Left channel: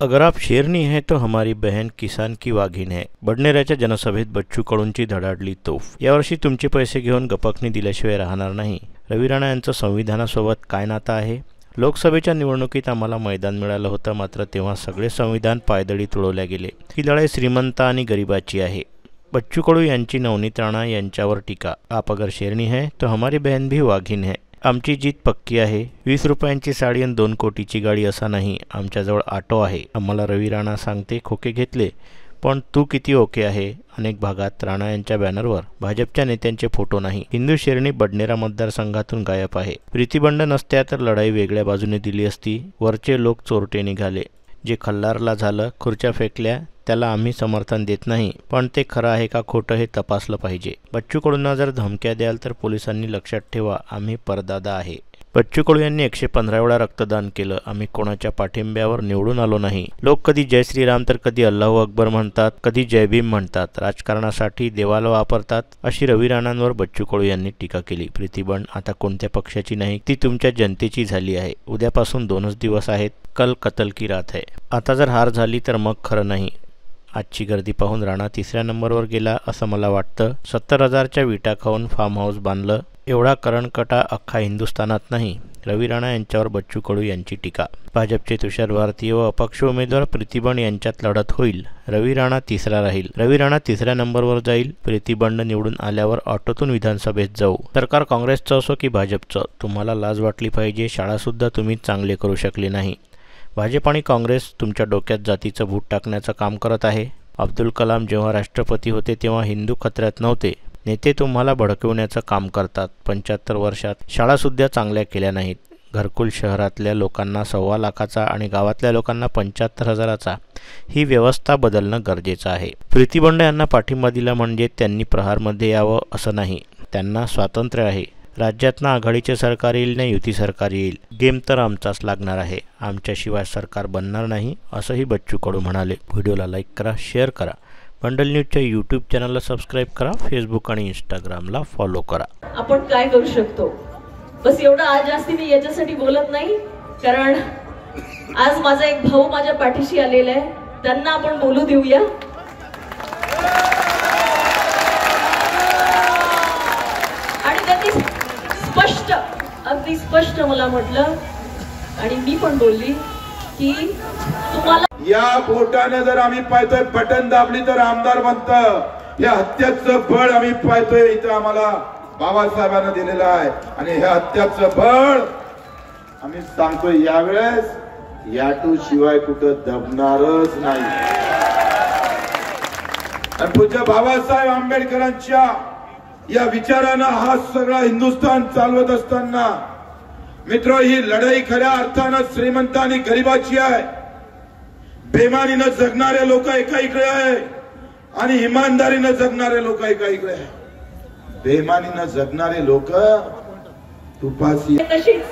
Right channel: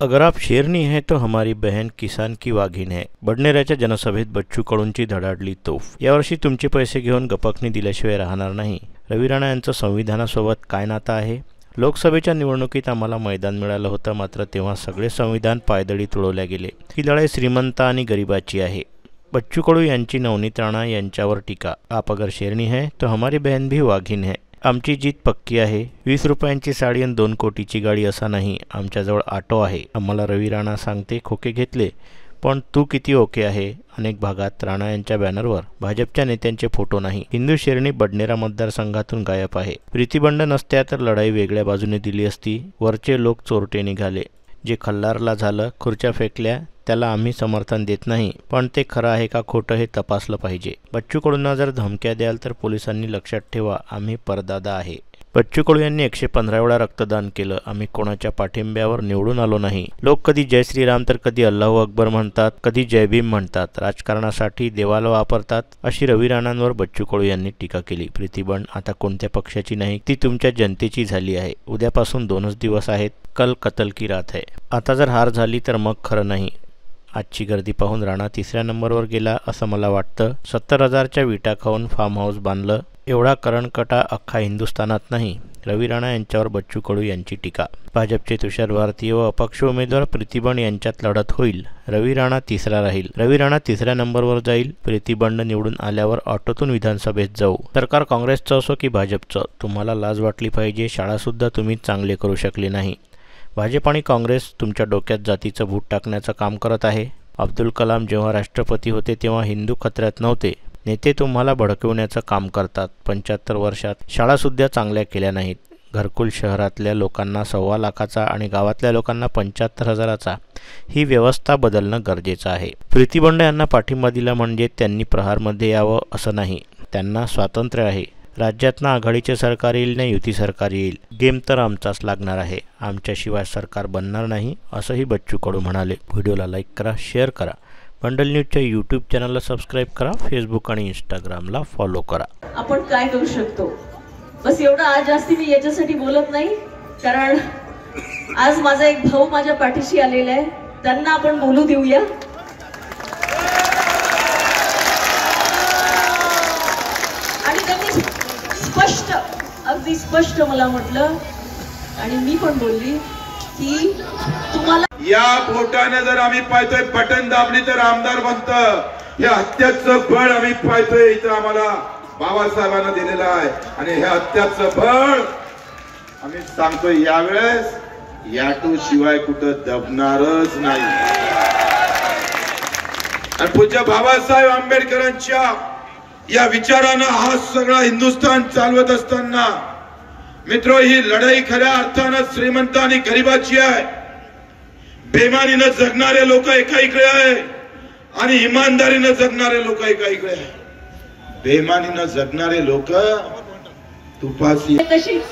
अगर आप शेरनी हैं तो हमारी बहन किसान की वाघीण है. बडनेराच्या जनसभेत बच्चू कडूंची धडाडली तोफ. यावर्षी तुमचे पैसे घेऊन गपकणी दिल्याशिवाय राहणार नाही. रवी राणा यांचं संविधानासोबत काय नातं आहे? लोकसभेच्या निवडणुकीत आम्हाला मैदान मिळालं होतं, मात्र तेव्हा सगळे संविधान पायदळी तुडवल्या गेले. ही लढाई श्रीमंत आणि गरिबाची आहे. बच्चू कडू यांची नवनीत राणा यांच्यावर टीका. आप अगर शेरनी है तो हमारी बहन भी वाघीण है. आमची जीत पक्की आहे. 20 रुपयांची साडी आणि 2 कोटीची गाडी असा नाही, आमच्याजवळ ऑटो आहे. आम्हाला रवी राणा सांगते खोके घेतले, पण तू किती ओके आहे. अनेक भागात राणा यांच्या बॅनरवर भाजपच्या नेत्यांचे फोटो नाही. हिंदू शेरणी बडनेरा मतदारसंघातून गायब आहे. प्रीतीबंड नसत्या तर लढाई वेगळ्या बाजूने दिली असती. वरचे लोक चोरटे निघाले. जे खल्लारला झालं, खुर्च्या फेकल्या, त्याला आम्ही समर्थन देत नाही, पण ते खरं आहे का खोटं हे तपासलं पाहिजे. बच्चू कडूंना जर धमक्या द्याल तर पोलिसांनी लक्षात ठेवा, आम्ही परदादा आहे. बच्चू कडू यांनी 115 वेळा रक्तदान केलं. आम्ही कोणाच्या पाठिंब्यावर निवडून आलो नाही. लोक कधी जय श्रीराम तर कधी अल्लाहू अकबर म्हणतात, कधी जय भीम म्हणतात. राजकारणासाठी देवाला वापरतात, अशी रवी राणांवर बच्चू कडू यांनी टीका केली. प्रीतीबंड आता कोणत्या पक्षाची नाही, ती तुमच्या जनतेची झाली आहे. उद्यापासून 2च दिवस आहेत. कल कतल की रात है. आता जर हार झाली तर मग खरं नाही. आजची गर्दी पाहून राणा 3ऱ्या नंबरवर गेला असं मला वाटतं. 70,000च्या विटा खाऊन फार्म हाऊस बांधलं. एवढा करणकटा अख्खा हिंदुस्थानात नाही. रवी राणा यांच्यावर बच्चू कडू यांची टीका. भाजपचे तुषार भारती व अपक्ष उमेदवार प्रीतीबंड यांच्यात लढत होईल. रवी राणा 3रा राहील. रवी राणा 3ऱ्या नंबरवर जाईल. प्रीतीबंड निवडून आल्यावर ऑटोतून विधानसभेत जाऊ. सरकार काँग्रेसचं असो की भाजपचं, तुम्हाला लाज वाटली पाहिजे. शाळासुद्धा तुम्ही चांगले करू शकले नाही. भाजप आणि काँग्रेस तुमच्या डोक्यात जातीचं भूत टाकण्याचं काम करत आहे. अब्दुल कलाम जेव्हा राष्ट्रपती होते तेव्हा हिंदू खतऱ्यात नव्हते. नेते तुम्हाला भडकवण्याचं काम करतात. 75 वर्षात शाळासुद्धा चांगल्या केल्या नाहीत. घरकुल शहरातल्या लोकांना 1.25 लाखाचा आणि गावातल्या लोकांना 75,000चा. ही व्यवस्था बदलणं गरजेचं आहे. प्रीतीबंड यांना पाठिंबा दिला म्हणजे त्यांनी प्रहारमध्ये यावं असं नाही. त्यांना स्वातंत्र्य आहे. राज्यात ना आघाडीचे सरकार येईल ना युती सरकार येईल. गेम तर आमचाच लागणार आहे. आमच्याशिवाय सरकार बनणार नाही, असंही बच्चू कडू म्हणाले. व्हिडिओला लाईक करा, शेअर करा. बंडल न्यूजच्या यूट्यूब चॅनलला सबस्क्राईब करा. फेसबुक आणि इंस्टाग्रामला फॉलो करा. आपण काय करू शकतो, बस एवढं. आज जास्ती मी याच्यासाठी बोलत नाही, कारण आज माझा एक भाऊ माझ्या पाठीशी आलेला आहे. त्यांना आपण बोलू देऊया. आणि त्यांनी अगदी स्पष्ट मला म्हटलं, आणि मी पण बोलली की तुम्हाला या बोटाने जर आम्ही पाहतोय बटन दाबली तर आमदार बनतं. हे हत्याचं बळ आम्ही पाहतोय इथं आम्हाला बाबासाहेबांना दिलेलं आहे. आणि हे हत्याचं बळ आम्ही सांगतोय यावेळेस याटू शिवाय कुठं दबणारच नाही. आणि पूज्य बाबासाहेब आंबेडकरांच्या या विचारानं हा सगळा हिंदुस्थान चालवत असताना मित्र, ही लढाई खऱ्या अर्थानं श्रीमंत आणि गरिबाची आहे. बेमानीनं जगणारे लोक एका इकडे आहे आणि इमानदारीनं जगणारे लोक एका इकडे आहे. बेमानीनं जगणारे लोक तुपासी तशीच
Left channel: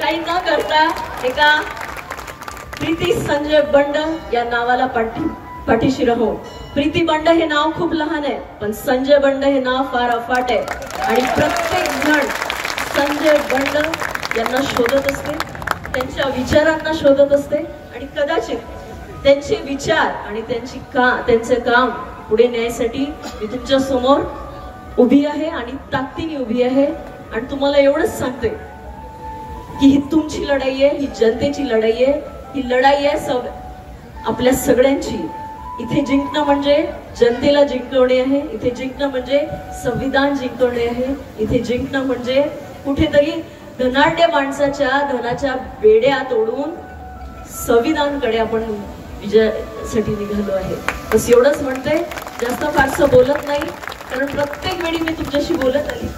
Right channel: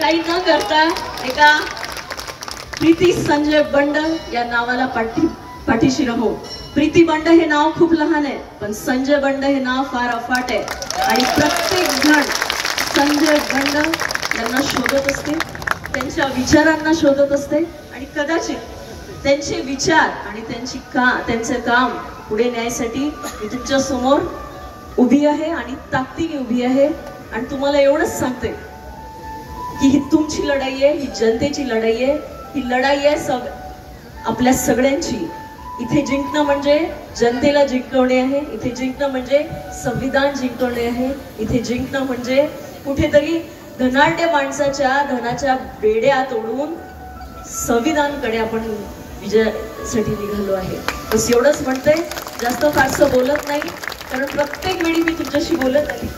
काही न करता एका प्रीती संजय बंड या नावाला पाठीशी राहू. प्रीती बंड हे नाव खूप लहान आहे, पण संजय बंड हे नाव फार अफाट आहे. आणि प्रत्येक जण संजय बंड यांना शोधत असते, त्यांच्या विचारांना शोधत असते. आणि कदाचित त्यांचे विचार आणि त्यांचे काम पुढे न्यायसाठी मी तुमच्या समोर उभी आहे आणि ताकदीने उभी आहे. आणि तुम्हाला एवढंच सांगते की ही तुमची लढाई आहे, ही जनतेची लढाई आहे. ही लढाई आहे आपल्या सगळ्यांची. इथे जिंकणं म्हणजे जनतेला जिंकवणे आहे. इथे जिंकणं म्हणजे संविधान जिंकवणे आहे. इथे जिंकणं म्हणजे कुठेतरी धनाढ्य माणसाच्या धनाच्या बेड्या तोडून संविधानकडे आपण विजयासाठी निघालो आहे. बस एवढंच म्हणते, जास्त फारसं बोलत नाही, कारण प्रत्येक वेळी मी तुमच्याशी बोलत आली.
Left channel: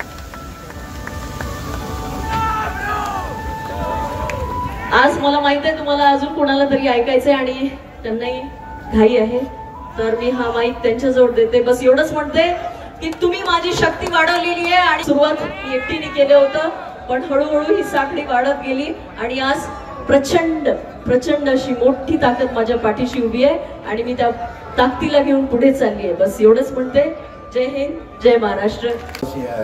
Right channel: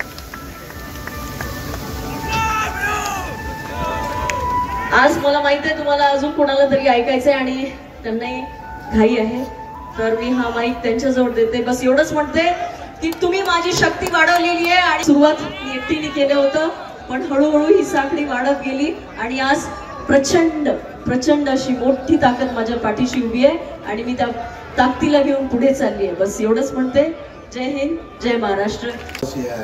आज मला माहित आहे तुम्हाला अजून कोणाला तरी ऐकायचंय आणि त्यांनाही घाई आहे, तर मी हा माईक त्यांच्याजवळ देते. बस एवढंच म्हणते की तुम्ही माझी शक्ती वाढवलेली आहे. आणि सुरुवात मी एकटीने केलं होतं, पण हळूहळू ही साखळी वाढत गेली आणि आज प्रचंड अशी मोठी ताकद माझ्या पाठीशी उभी आहे आणि मी त्या ताकदीला घेऊन पुढे चालली आहे. बस एवढंच म्हणते. जय हिंद, जय महाराष्ट्र.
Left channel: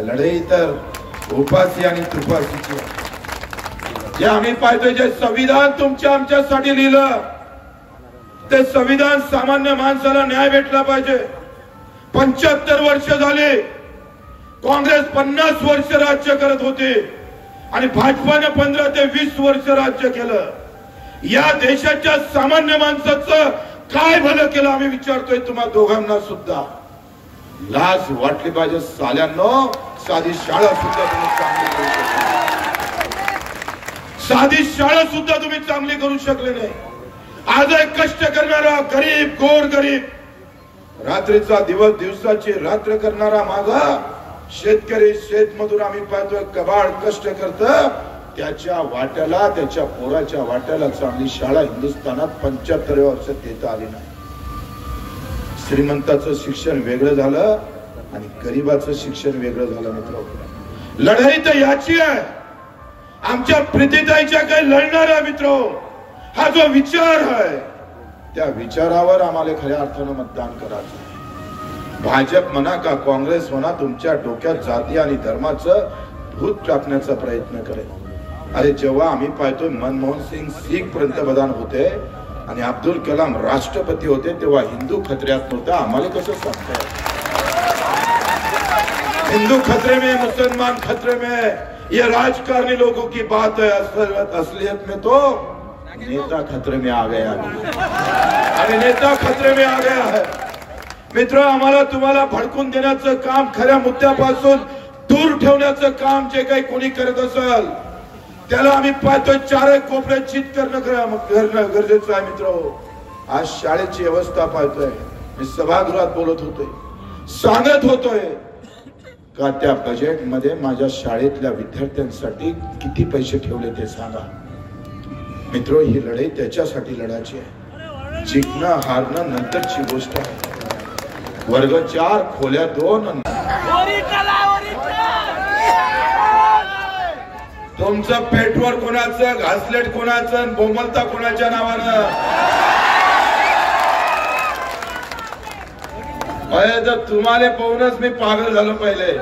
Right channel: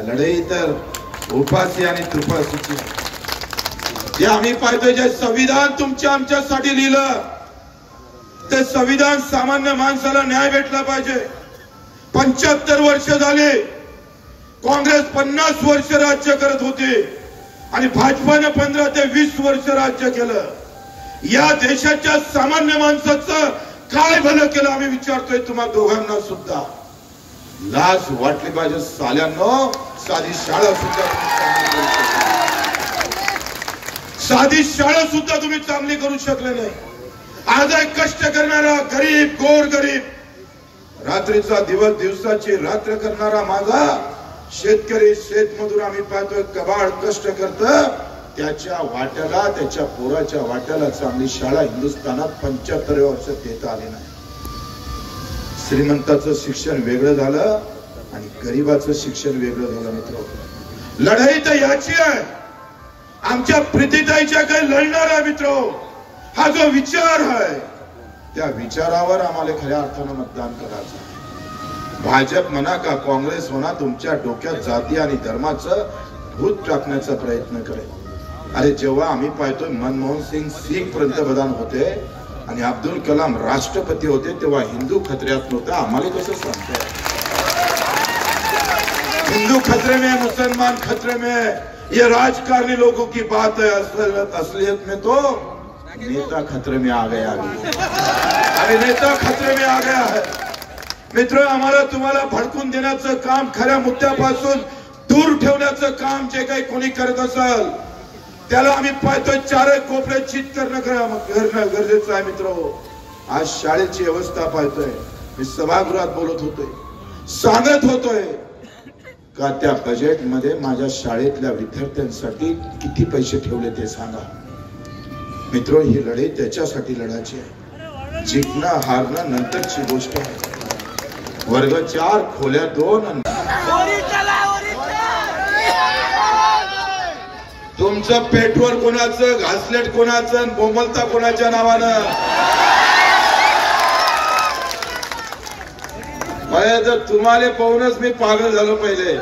लढाई तर उपासी आणि त्रिपासीची जे आम्ही पाहतोय, जे संविधान तुमच्या आमच्यासाठी लिहिलं, ते संविधान सामान्य माणसाला न्याय भेटला पाहिजे. 75 वर्ष झाली, काँग्रेस 50 वर्ष राज्य करत होते आणि भाजपाने 15 ते 20 वर्ष राज्य केलं. या देशाच्या सामान्य माणसाचं काय भलं केलं आम्ही विचारतोय तुम्हा दोघांना सुद्धा. लाज वाटली पाहिजे साल्यांनो. साधी शाळा सुद्धा तुम्ही चांगली करू शकले, साधी शाळा सुद्धा तुम्ही चांगली करू शकले नाही. आज कष्ट करणारा गरीब, गोर गरीब, रात्रीचा दिवस दिवसाची रात्र करणारा माझा शेतकरी, शेतमजूर आम्ही पाहतोय कबाड कष्ट करत, त्याच्या वाट्याला, त्याच्या पोराच्या वाट्याला चांगली शाळा हिंदुस्थानात 75 वर्षात देता आली नाही. श्रीमंताचं शिक्षण वेगळं झालं आणि गरीबाचं शिक्षण वेगळं झालं. मित्र, लढाई तर याची आहे, आमच्या प्रीतीताईच्या काही लढणार आहे. मित्र, हा जो विचार आहे त्या विचारावर आम्हाला खऱ्या अर्थानं मतदान करायचं आहे. भाजप म्हणा का काँग्रेस म्हणा, तुमच्या डोक्यात जाती आणि धर्माचं भूत टाकण्याचा प्रयत्न करेल. अरे जेव्हा आम्ही पाहतोय मनमोहन सिंग सिख पंतप्रधान होते आणि अब्दुल कलाम राष्ट्रपती होते, तेव्हा हिंदू खतऱ्यात नव्हता. आम्हाला कसं सांगताय हिंदू खतरे में, मुसलमान खतरे में? ये राजकारणी लोगों की बात है. असलियत में तो नेता खतरे में आ गया. अरे नेता खतरे में आ गया है. मित्र, आम्हाला तुम्हाला भडकून देण्याचं काम, खऱ्या मुद्द्यापासून दूर ठेवण्याचं काम जे काही कोणी करत असाल त्याला आम्ही पाहतोय चारही कोपऱ्यात चित करणं गरजेचं आहे. मित्र, आज शाळेची व्यवस्था पाहतोय. मी सभागृहात बोलत होतोय, सांगत होतोय का त्या बजेट मध्ये माझ्या शाळेतल्या विद्यार्थ्यांसाठी किती पैसे ठेवले ते सांगा. मित्र, ही लढाई त्याच्यासाठी लढायची आहे. जिंकणं हारणं नंतरची गोष्ट आहे. वर्ग 4 खोल्या 2. तुमचं पेट्रोल कोणाचं, घासलेट कोणाचं, बोंबलता कोणाच्या नावानं? तर तुम्हाला पाहूनच मी पागल झालो. पहिले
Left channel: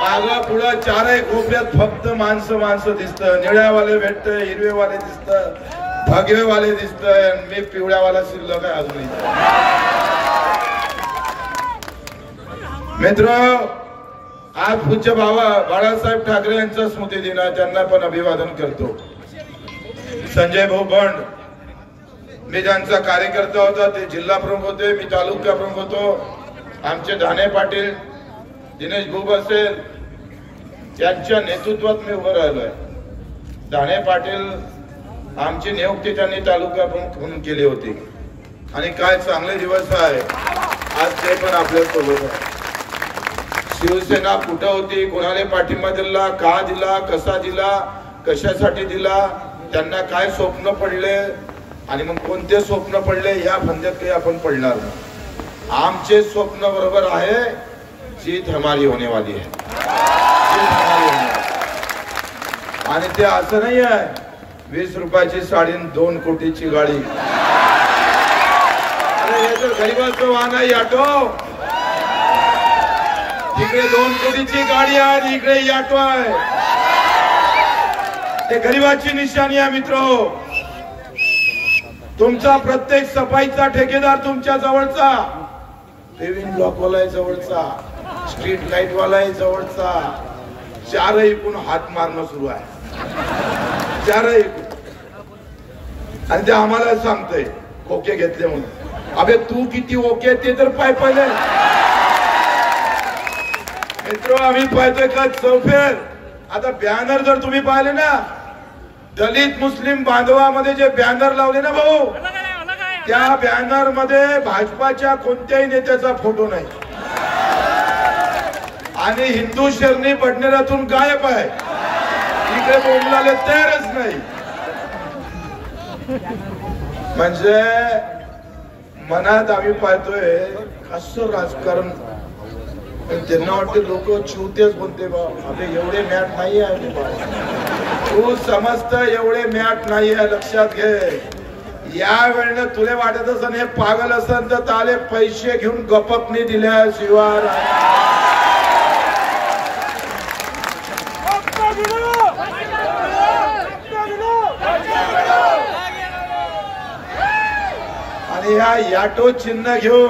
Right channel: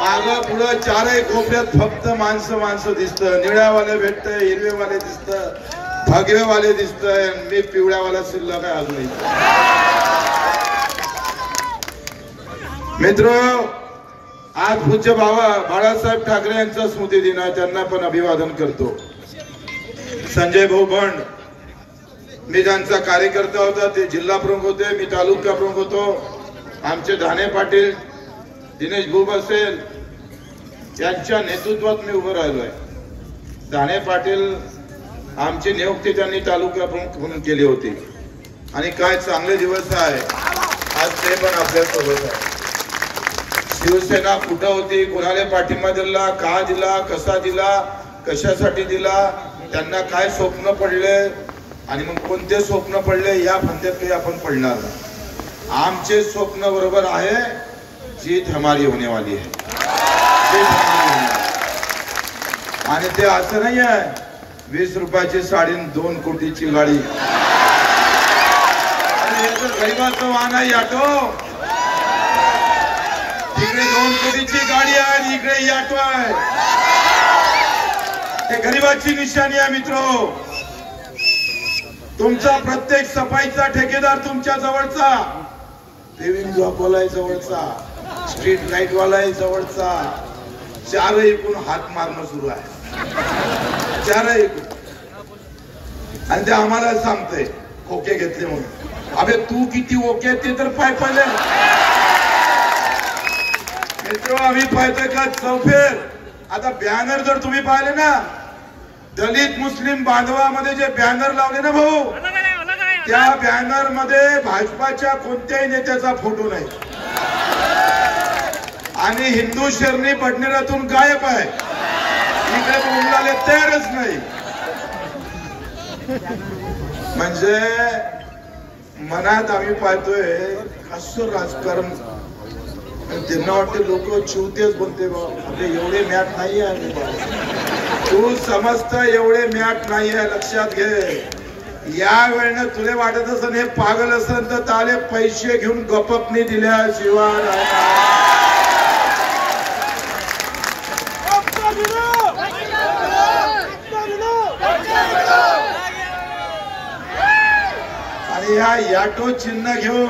मागं पुढं चारही कोपऱ्यात फक्त माणसं दिसतं. निळ्यावाले भेटत, हिरवेवाले दिसत, भगवेवाले दिसत, मी पिवळ्यावाला शिल्लक आहे अजून. मित्र, आज पूज्य बाळासाहेब ठाकरे यांचा स्मृती दिन आहे. त्यांना पण अभिवादन करतो. संजय भाऊ बंड, मी त्यांचा कार्यकर्ता होता, ते जिल्हा प्रमुख होते, मी तालुका प्रमुख होतो. आमचे धाने पाटील, दिनेश भूप असेल, यांच्या नेतृत्वात मी उभं राहिलोय. धाने पाटील आमची नियुक्ती त्यांनी तालुका प्रमुख म्हणून केली होती आणि काय चांगले दिवस आहे. आज ते पण आपल्या सोबत आहे. शिवसेना कुठं होती, कोणाला पाठिंबा दिला, का दिला, कसा दिला, कशासाठी दिला, त्यांना काय स्वप्न पडले आणि मग कोणते स्वप्न पडले या फंद्यात काही आपण पडणार नाही. आमचे स्वप्न बरोबर आहे, जीत हमारी होने वाली है. आणि ते असं नाही आहे 20 रुपयाची साडी, 2 कोटीची गाडी. गरीबाचं वाहन आहे ऑटो. इकडे 2 कोटीची गाडी आहे आणि इकडे ऑटो आहे. ते गरीबाची निशाणी आहे. मित्र, तुमचा प्रत्येक सफाईचा ठेकेदार तुमच्या जवळचा, पेविंग ब्लॉकवाला आहे जवळचा, स्ट्रीट लाईट वाला आहे जवळचा. चारही एकूण हात मारणं सुरू आहे. चारही आणि ते आम्हाला सांगतंय ओके घेतले म्हणून. अबे तू किती ओके ते तर पाय पडले. मित्र, आम्ही पाहतोय का चौफेर. आता बॅनर जर तुम्ही पाहिले ना, दलित मुस्लिम बांधवामध्ये जे बॅनर लावले ना भाऊ, त्या बॅनर मध्ये भाजपाच्या कोणत्याही नेत्याचा फोटो नाही आणि हिंदू शरणी बडनेरातून गायब आहे. इकडे बोलायला तयारच नाही. म्हणजे मनात आम्ही पाहतोय असं राजकारण. पण त्यांना वाटते लोक चिवतेच बोलते बा, अरे एवढे मॅट नाही आहे. तू समजत एवढे मॅट नाही आहे, लक्षात घे. या वेळेला तुला वाटत असं हे पागल असन तर त्याले पैसे घेऊन गपकनी दिल्याशिवाय. आणि ह्या याटो चिन्ह घेऊन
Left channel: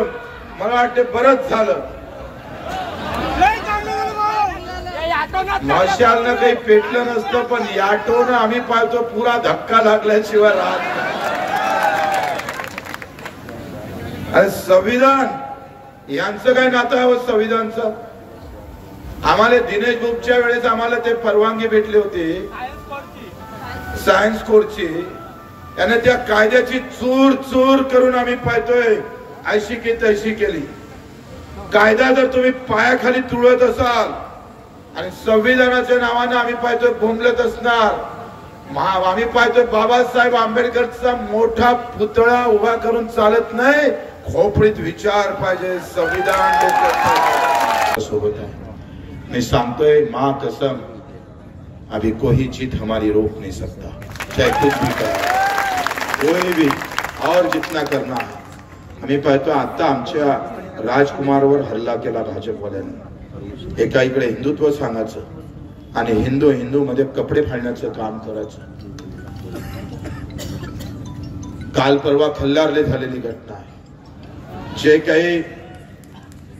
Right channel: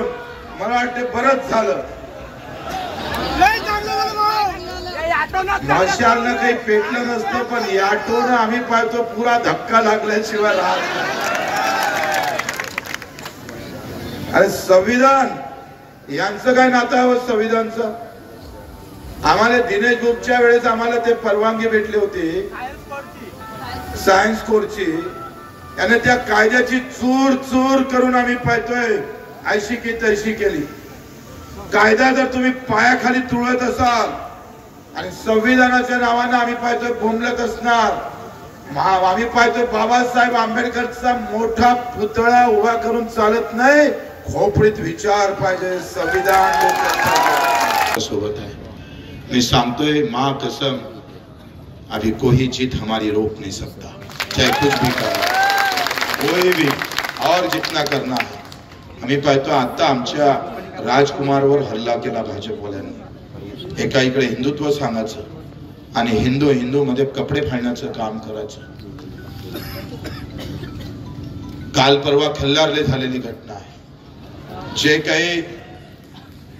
मला वाटते बरंच झालं. मशालनं काही पेटलं नसतं, पण याटोनं आम्ही पाहतो पुरा धक्का लागल्याशिवाय राहत. अरे संविधान यांचं काय नातं आहे? संविधानचं आम्हाला दिनेश गुप्तच्या वेळेस आम्हाला ते परवानगी भेटली होती सायन्स कोर्सची. याने त्या कायद्याची चूर चूर करून आम्ही पाहतोय ऐशी की तैशी केली. कायदा जर तुम्ही पायाखाली तुळत असाल आणि संविधानाच्या नावानं आम्ही पाहतोय बोंबलत असणार. आम्ही पाहतोय बाबासाहेब आंबेडकरचा मोठा पुतळा उभा करून चालत नाही, खोपडीत विचार पाहिजे. संविधान सोबत आहे. मैं सांगतोय माँ कसम, अभी कोई जीत हमारी रोक नहीं सकता, चाहे कुछ भी करे कोई भी. और जितना करना है आम्ही पाहतो. आता आमच्या राजकुमारवर हल्ला केला भाजपवाल्यांनी. एका इकडे हिंदुत्व सांगायचं आणि हिंदू हिंदू मध्ये कपडे फाडण्याचं काम करायचं. काल परवा खल्लारले झालेली घटना आहे.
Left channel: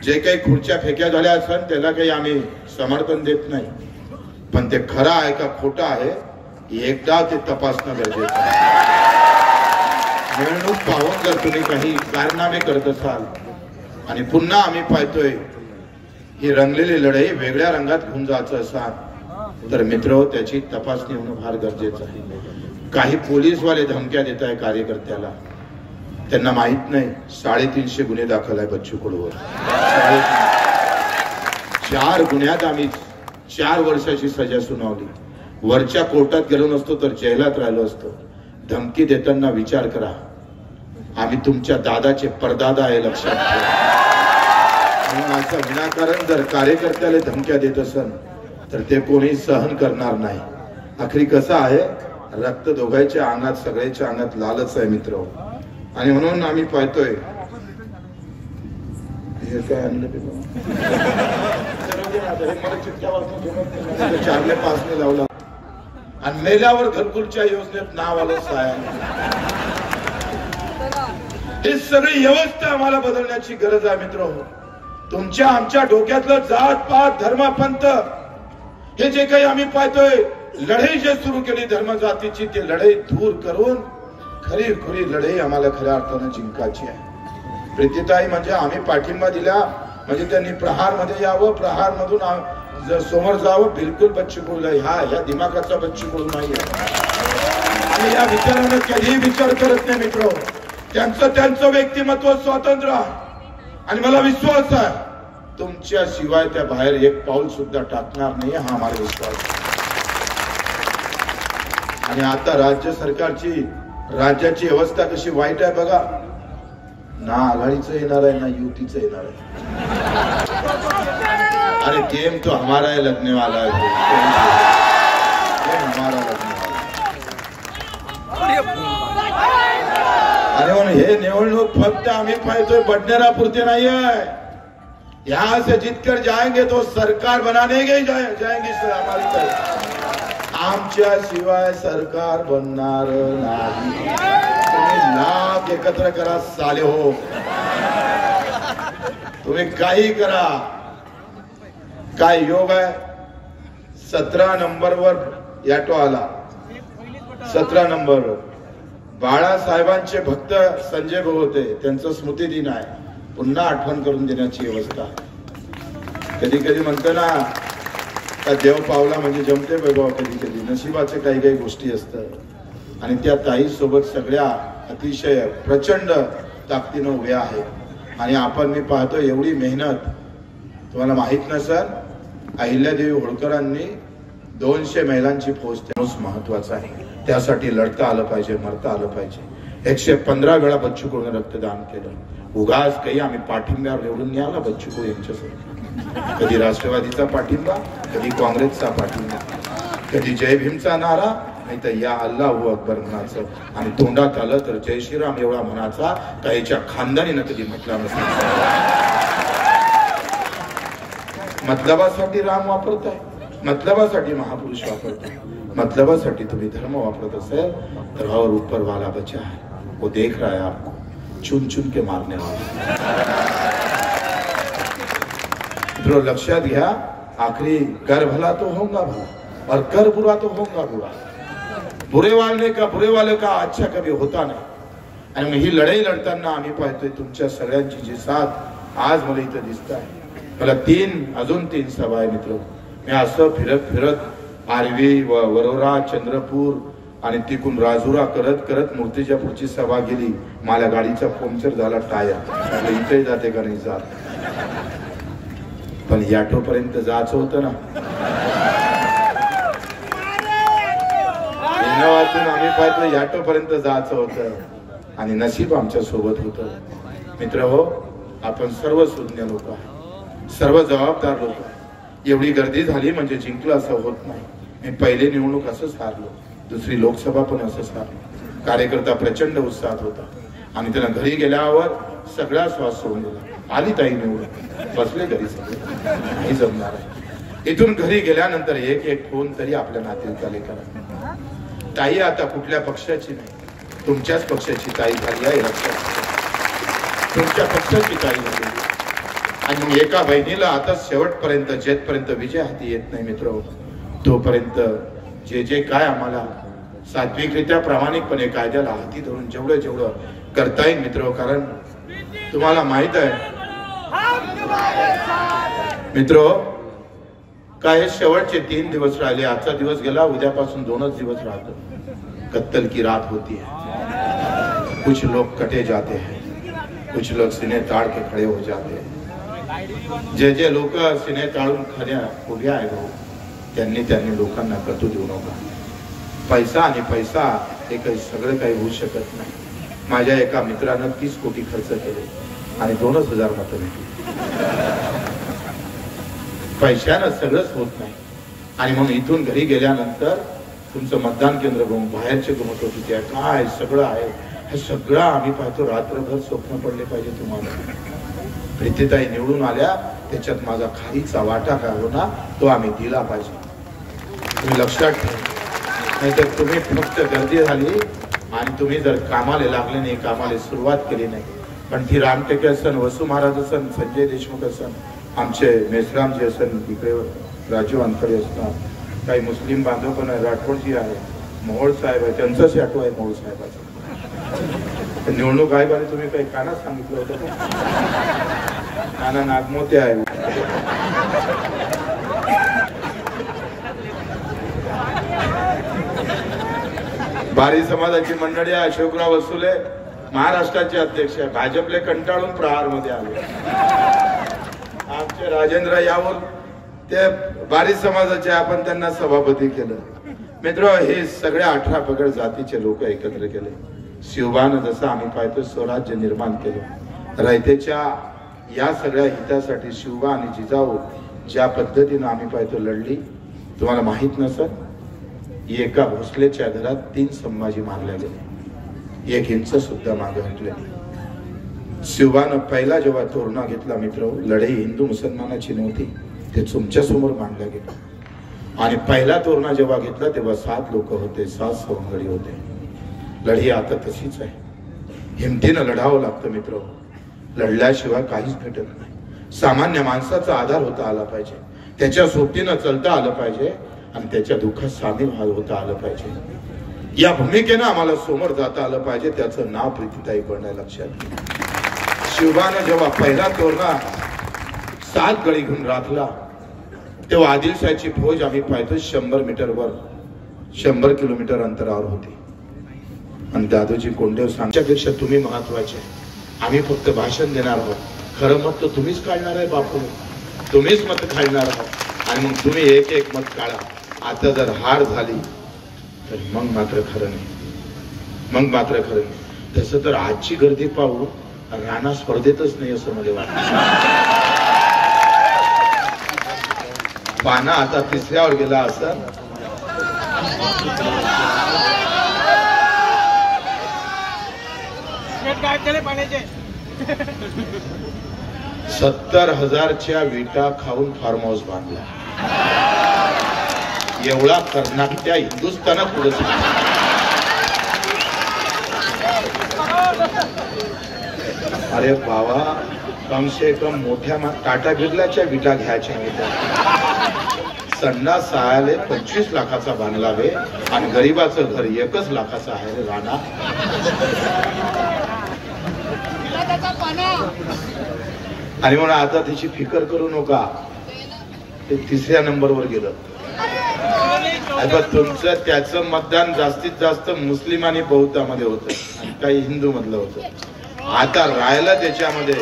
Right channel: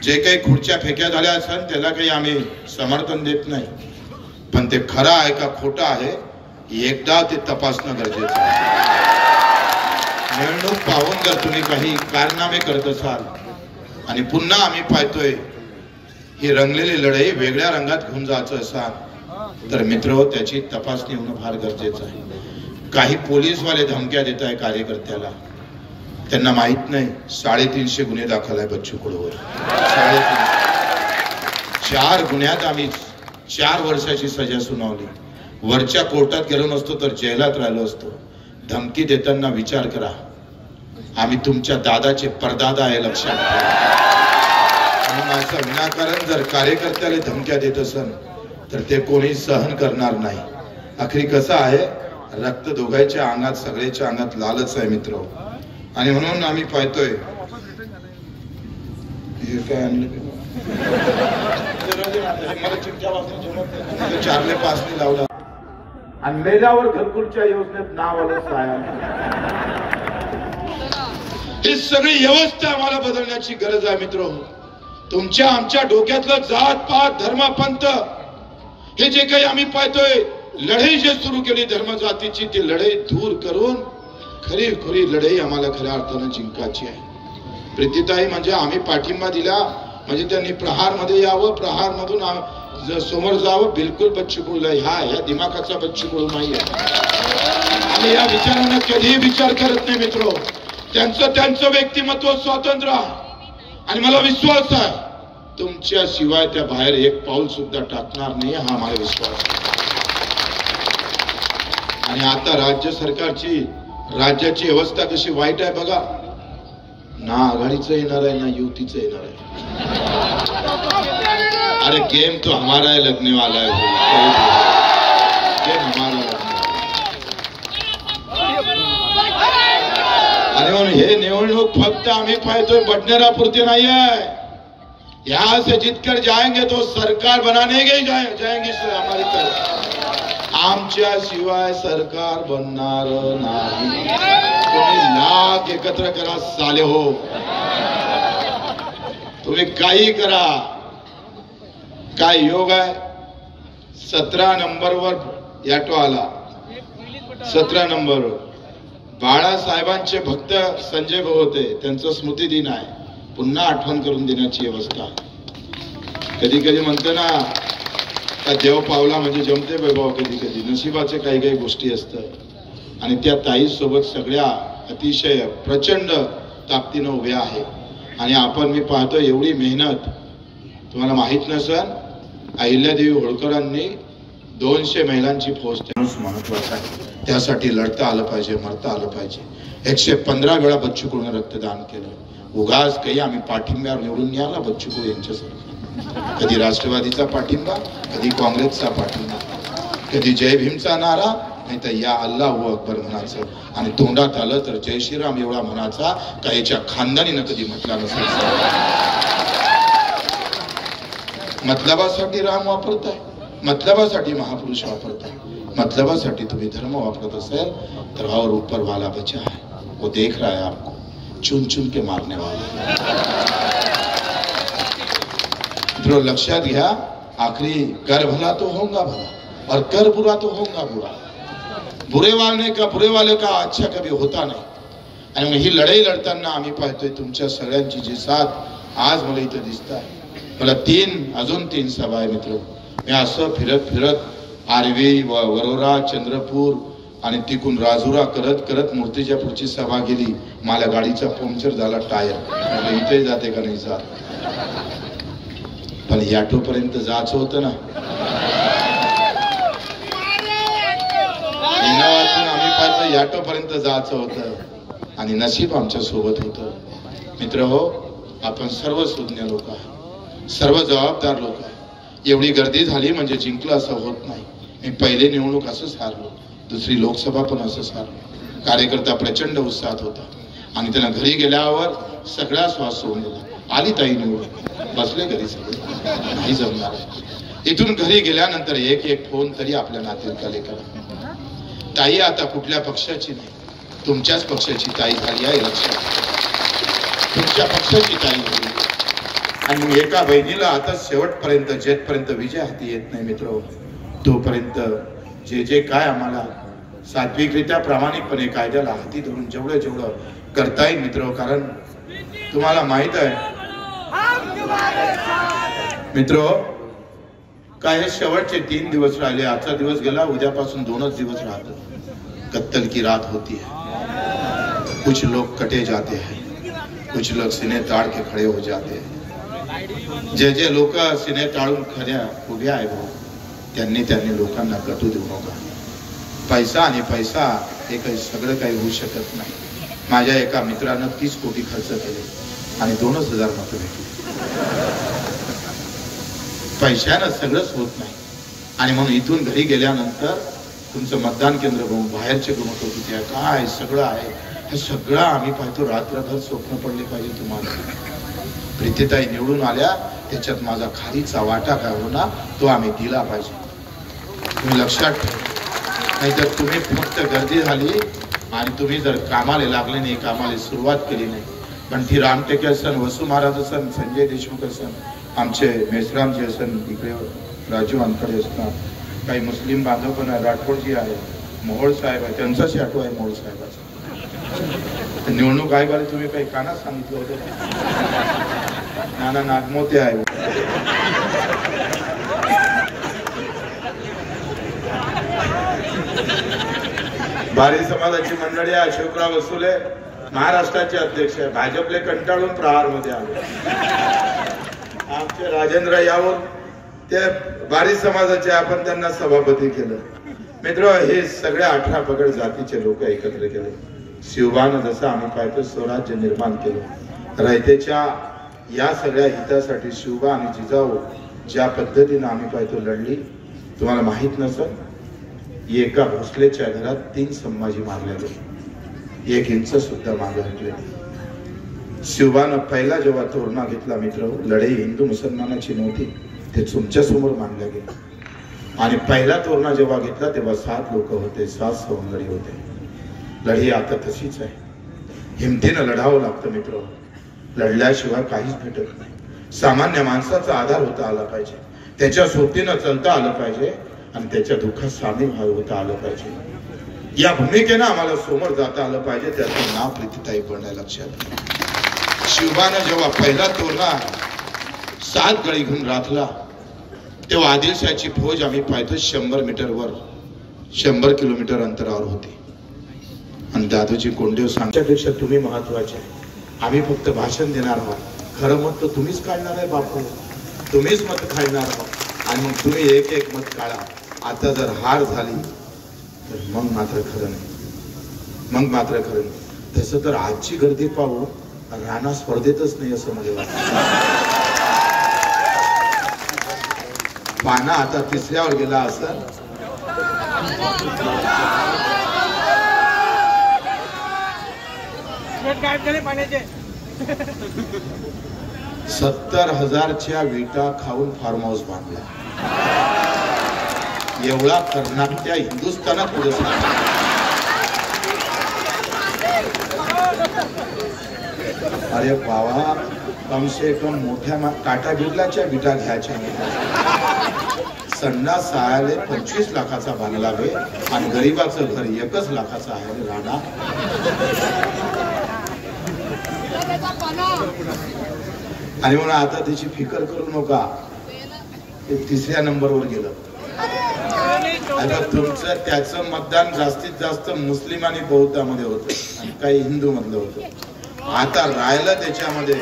जे काही खुर्च्या फेक्या झाल्या असेल त्याला काही आम्ही समर्थन देत नाही, पण ते खरं आहे का खोटं आहे एकदा ते तपासणं गरजेचं आहे. निवडणूक पाहून जर तुम्ही काही कारनामे करत असाल आणि पुन्हा आम्ही पाहतोय ही रंगलेली लढाई वेगळ्या रंगात घेऊन जायचं असाल तर मित्र त्याची तपासणी होणं फार गरजेचं आहे. काही पोलीसवाले धमक्या देत आहे कार्यकर्त्याला. त्यांना माहित नाही 350 गुन्हे दाखल आहे बच्चू कडूवर. 4 गुन्ह्यात आम्ही 4 वर्षाची सजा सुनावली. वरच्या कोर्टात गेलो नसतो तर जेलात राहिलो असतो. धमकी देताना विचार करा, आम्ही तुमच्या दादाचे परदादा आहे लक्षात ठेवा. म्हणून असं विनाकारण जर कार्यकर्त्याला धमक्या देत असेल तर ते कोणी सहन करणार नाही. आखरी कसं आहे, रक्त दोघांच्या अंगात सगळ्याच्या अंगात लालच आहे मित्र. आणि म्हणून आम्ही पाहतोय हे काय आणलं 4-5 लावला आणि मेल्यावर घरकुलच्या योजनेत नाव आलं साया. ही सगळी व्यवस्था आम्हाला बदलण्याची गरज आहे मित्र. तुमच्या आमच्या डोक्यातलं जात पात धर्म पंथ हे जे काही आम्ही पाहतोय लढाई जे सुरू केली धर्म जातीची, ती लढाई दूर करून खरी लढाई आम्हाला खऱ्या अर्थानं जिंकायची आहे. प्रीतीताई म्हणजे आम्ही पाठिंबा दिला म्हणजे त्यांनी प्रहार मध्ये यावं, प्रहार मधून समोर जावं. बिलकुल बच्चू कडू ह्या दिमागाचा बच्चू कडू नाही आणि या विचारानं कधीही विचार करत नाही मित्र. त्यांचं व्यक्तिमत्व स्वतंत्र आहे आणि मला विश्वास आहे तुमच्या शिवाय त्या बाहेर एक पाऊल सुद्धा टाकणार नाही, हा आम्हाला विश्वास आहे. आणि आता राज्य सरकारची राज्याची व्यवस्था कशी वाईट आहे बघा. ना आघाडीचं येणार आहे ना युतीचं येणार आहे. अरे गेम तो हमारा है, लगने वाला है. गेम हमारा आणि हे निवडणूक फक्त आम्ही पाहतोय बडनेरापुरती नाही आहे. यहाँ से जीतकर जाएंगे तो सरकार बनाने के जाएंगे हमारी तरफ. आमच्या शिवाय सरकार बनणार नाही. तुम्ही लाख एकत्र करा साले हो, तुम्ही काही करा. काय योग आहे. 17 नंबरवर याटो आला. 17 नंबरवर बाळासाहेबांचे भक्त संजय भाऊ होते, त्यांचा स्मृती दिन आहे. पुन्हा आठवण करून देण्याची व्यवस्था. कधी कधी म्हणतो ना त्या देव पावला म्हणजे जमते वैभव. कधी कधी नशिबाचे काही काही गोष्टी असतात आणि त्या ताई सोबत सगळ्या अतिशय प्रचंड ताकदीनं उभ्या आहेत. आणि आपण मी पाहतो एवढी मेहनत तुम्हाला माहित नसेल. अहिल्यादेवी होळकरांनी 200 महिलांची फौज महत्वाचा आहे. त्यासाठी लढता आलं पाहिजे, मरता आलं पाहिजे. 115 वेळा बच्चू कडून रक्तदान केलं. उगाच काही आम्ही पाठिंब्यावर निवडून नाही आला बच्चू कडू यांच्यासाठी. कधी राष्ट्रवादीचा पाठिंबा, कधी काँग्रेसचा पाठिंबा, कधी जय भीमचा नारा, नाही तर या अल्लाहू अकबर म्हणायचं. आणि तोंडात आलं तर जय श्रीराम एवढा म्हणायचा. काहीच्या खानदानीनं कधी म्हटला नसायचा. मतलबासाठी राम वापरत आहे, मतलबासाठी महापुरुष वापरत आहे. मतलबासाठी तुम्ही धर्म वापरत असेल तर और ऊपर वाला बचा है, वो देख रहा है आपको. चुन चुन के मारने वाले। तो लक्ष्यात घ्या, आखिरी कर भला तो होगा भला और कर बुरा तो होगा बुरा। बुरे वाले का अच्छा कभी होता नाही। आणि मग ही लढाई लढताना आम्ही पाहतोय तुमच्या सगळ्यांची जी साथ आज मला इथं दिसत आहे। मला अजून तीन सभा आहे मित्र। मी असं फिरत आरवी वरोरा चंद्रपूर आणि तिकून राजुरा करत मूर्तिजापूरची सभा गेली। मला गाडीचा पंक्चर झाला टायर, इथे जाते का नाही जात, पण याटो पर्यंत जायचं होतं ना। वाचून आम्ही पाहतो याटो पर्यंत जायचं होतं आणि नशीब आमच्या सोबत होतं। मित्र हो, आपण सर्व सुज्ञ लोक आहे, सर्व जबाबदार लोक आहे। एवढी गर्दी झाली म्हणजे जिंकलं असं होत नाही। मी पहिले निवडणूक असंच हारलो, दुसरी लोकसभा पण असंच हारलो। कार्यकर्ता प्रचंड उत्साहात होता आणि त्यांना घरी गेल्यावर सगळा श्वास सोडून दिला। आली ताई निवडून, बसले घरी सगळे, नाही जमणार। इथून घरी गेल्यानंतर एक फोन तरी आपल्या नातेवाईकाला करा। ताई आता कुठल्या पक्षाची नाही, तुमच्याच पक्षाची ताई झाली आहे, लक्षात। तुमच्या पक्षाची ताई झाली आणि मग एका बहिणीला आता शेवटपर्यंत जेथपर्यंत विजय हाती येत नाही मित्र, तोपर्यंत जे काय आम्हाला सात्विकरित्या प्रामाणिकपणे कायद्याला हाती धरून जेवढं करता येईल मित्र। कारण तुम्हाला माहित आहे मित्र, काय शेवटचे 3 दिवस राहिले। आजचा दिवस गेला, उद्यापासून 2च दिवस राहते। कत्तल की रात होती है, कुछ लोग कटे जाते हैं, कुछ लोग सीने ताड़ के खड़े हो जाते हैं। जे लोक सीने ताळून खऱ्या उभे आहेत त्यांनी लोकांना कटू देऊ नका। पैसा आणि पैसा हे काही सगळं काही होऊ शकत नाही। माझ्या एका मित्रानं 30 कोटी खर्च केले आणि 2,000 मतं भेटली। पैशानं सगळंच होत नाही आणि म्हणून इथून घरी गेल्यानंतर तुमचं मतदान केंद्र बघून बाहेरचे गुण किती आहे, काय सगळं आहे, हे सगळं आम्ही पाहतो। रात्रभर स्वप्न पडले पाहिजे तुम्हाला। प्रीतीताई निवडून आल्या, त्याच्यात माझा खालीचा वाटा काय होणार तो आम्ही दिला पाहिजे। तुम्ही लक्षात ठेवा, नाहीतर तुम्ही फक्त गर्दी झाली आणि तुम्ही जर कामाला लागले नाही, कामाला सुरुवात केली नाही, पण ती रामटेके असन, वसू महाराज असन, संजय देशमुख असन, आमचे मेसरामजी असन, इकडे राजू वानकडे असतात, काही मुस्लिम बांधव पण आहे, राठोडजी आहे, मोहोळ साहेब आहे, त्यांचाच आठवण आहे मोहोळ साहेबाचा। निवडणूक आयोगाने तुम्ही काही कानात सांगितलं होतं, नाना नागमोते आहे। बारी समाजाची मंडळी आहे, अशोकराव वसुले महाराष्ट्राचे अध्यक्ष आहे, भाजपले कंटाळून प्रहार मध्ये आले। आमचे राजेंद्र यावल ते बारी समाजाचे, आपण त्यांना सभापती केलं। मित्र, हे सगळ्या 18 पगड जातीचे लोक एकत्र केले। शिवबानं जसं आम्ही पाहतो स्वराज्य निर्माण केलं, रयतेच्या या सगळ्या हितासाठी शिवबा आणि जिजाऊ ज्या पद्धतीने आम्ही पाहतो लढली, तुम्हाला माहित नसेल, एका भोसलेच्या घरात 3 संभाजी मारले गेले, 1 इंच सुद्धा मागे हटले नाही। शिवबानं पहिला जेव्हा तोरणा घेतला मित्र, लढाई हिंदू मुसलमानाची नव्हती, ते तुमच्या समोर मांडले गेले। आणि पहिला तोरणा जेव्हा घेतला तेव्हा 7 लोक होते, 7 सवंगडी होते। लढाई आता तशीच आहे, हिमतीनं लढावं लागतं मित्र, लढल्याशिवाय काहीच भेटत नाही। सामान्य माणसाचा आधार होता आला पाहिजे, त्याच्या सोबतीनं चलता आलं पाहिजे आणि त्याच्या दुःखात सामील होता आलं पाहिजे। या भूमिकेनं आम्हाला समोर जाता आलं पाहिजे, त्याचं नाव प्रीतीताई पण आहे, लक्षात। शिवबानं जेव्हा पहिला तोरणा 7 गळी घेऊन राखला तेव्हा आदिलशाहीची फौज आम्ही पाहतो 100 मीटरवर 100 किलोमीटर अंतरावर होती आणि दादोजी कोंडदेव सांगण्यापेक्षा तुम्ही महत्वाचे, आम्ही फक्त भाषण देणार आहोत, खरं मत तर तुम्हीच काढणार आहे बापू, तुम्हीच मत काढणार आहात आणि मग तुम्ही एक मत काढा। आता जर हार झाली तर मग मात्र खरं नाही, मग मात्र खरं नाही। तसं तर आजची गर्दी पाहू राणा स्पर्धेतच नाही असं मला वाटतं। पाना आता 3ऱ्यावर गेला असेल, काय केले पाण्याचे 70,000च्या विटा खाऊन फार्म हाऊस बांधला। एवढा कर्नाटक हिंदुस्थानात पुढे अरे बाबा, कम से कम मोठ्या टाटा बिर्लाच्या विटा घ्यायच्या होत्या. संडास सहायला 25 लाखाचा बांधलावे आणि गरीबाचं घर 1 लाखाचं आहे रे राणा. आणि म्हणून आता तिची फिकर करू नका, ते 3ऱ्या नंबरवर गेलं. तुमचं त्याचं मतदान जास्तीत जास्त मुस्लिम आणि बौद्धामध्ये होतं, काही हिंदू मधलं होतं. आता राहिलं त्याच्यामध्ये,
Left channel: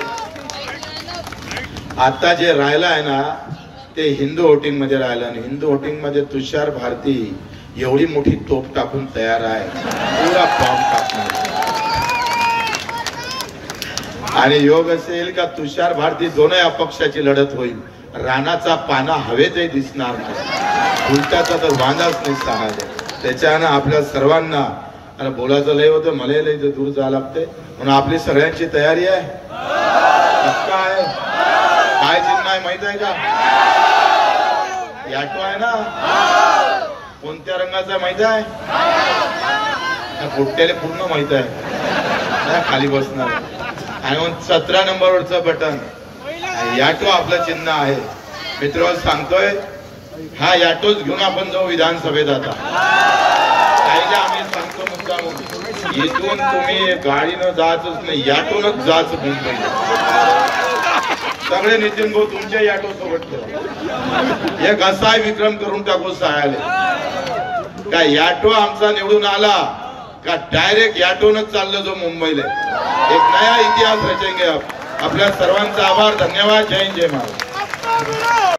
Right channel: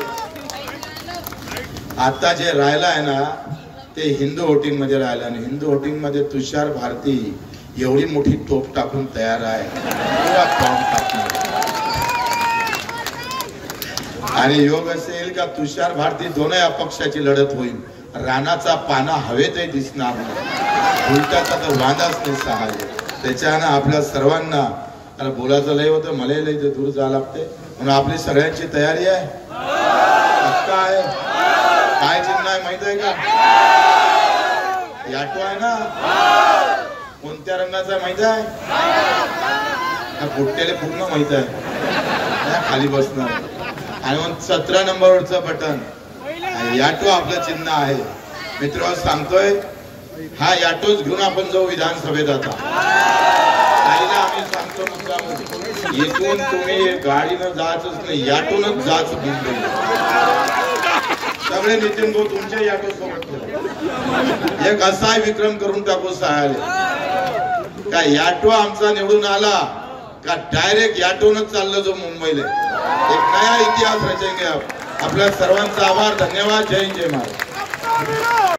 आता जे राहिलं आहे ना ते हिंदू वोटिंग मध्ये राहिलं. आणि हिंदू वोटिंग मध्ये तुषार भारती एवढी मोठी तोप टाकून तयार आहे, पुरा फॉर्म टाकणार. आणि योग असेल का तुषार भारती दोनही अपक्षाची लढत होईल. राणाचा पाना हवेतही दिसणार नाही, उलटाचा तर वांदाच नाही सहायला. त्याच्यानं आपल्या सर्वांना, अरे बोलायचं लय होतं, मला लय दूर जावं लागते, म्हणून आपली सगळ्यांची तयारी आहे. आहे काय चिन्ह आहे माहित आहे का? याटो आहे ना, कोणत्या रंगाचा माहित आहे? पोट्याला पूर्ण माहित आहे, खाली बसणार. आणि मग 17 नंबरवरचं बटन, याटो आपलं चिन्ह आहे. मित्र सांगतोय, हा याटोच घेऊन आपण जाऊ विधानसभेत. आता कायले आम्ही सांगतो मुद्दाम, इथून तुम्ही गाडीनं जायचंच नाही, याटोनच जायचं मुंबई. सगळे नितीन भाऊ तुमच्या याटो सोबत करा. एक असा विक्रम करून टाकू सहायला का याटो आमचा निवडून आला का डायरेक्ट याटोनच चाललं जो मुंबईला. एक नया इतिहास रचेंगे. आपल्या सर्वांचा आभार, धन्यवाद. जय हिंद, जय महाराज.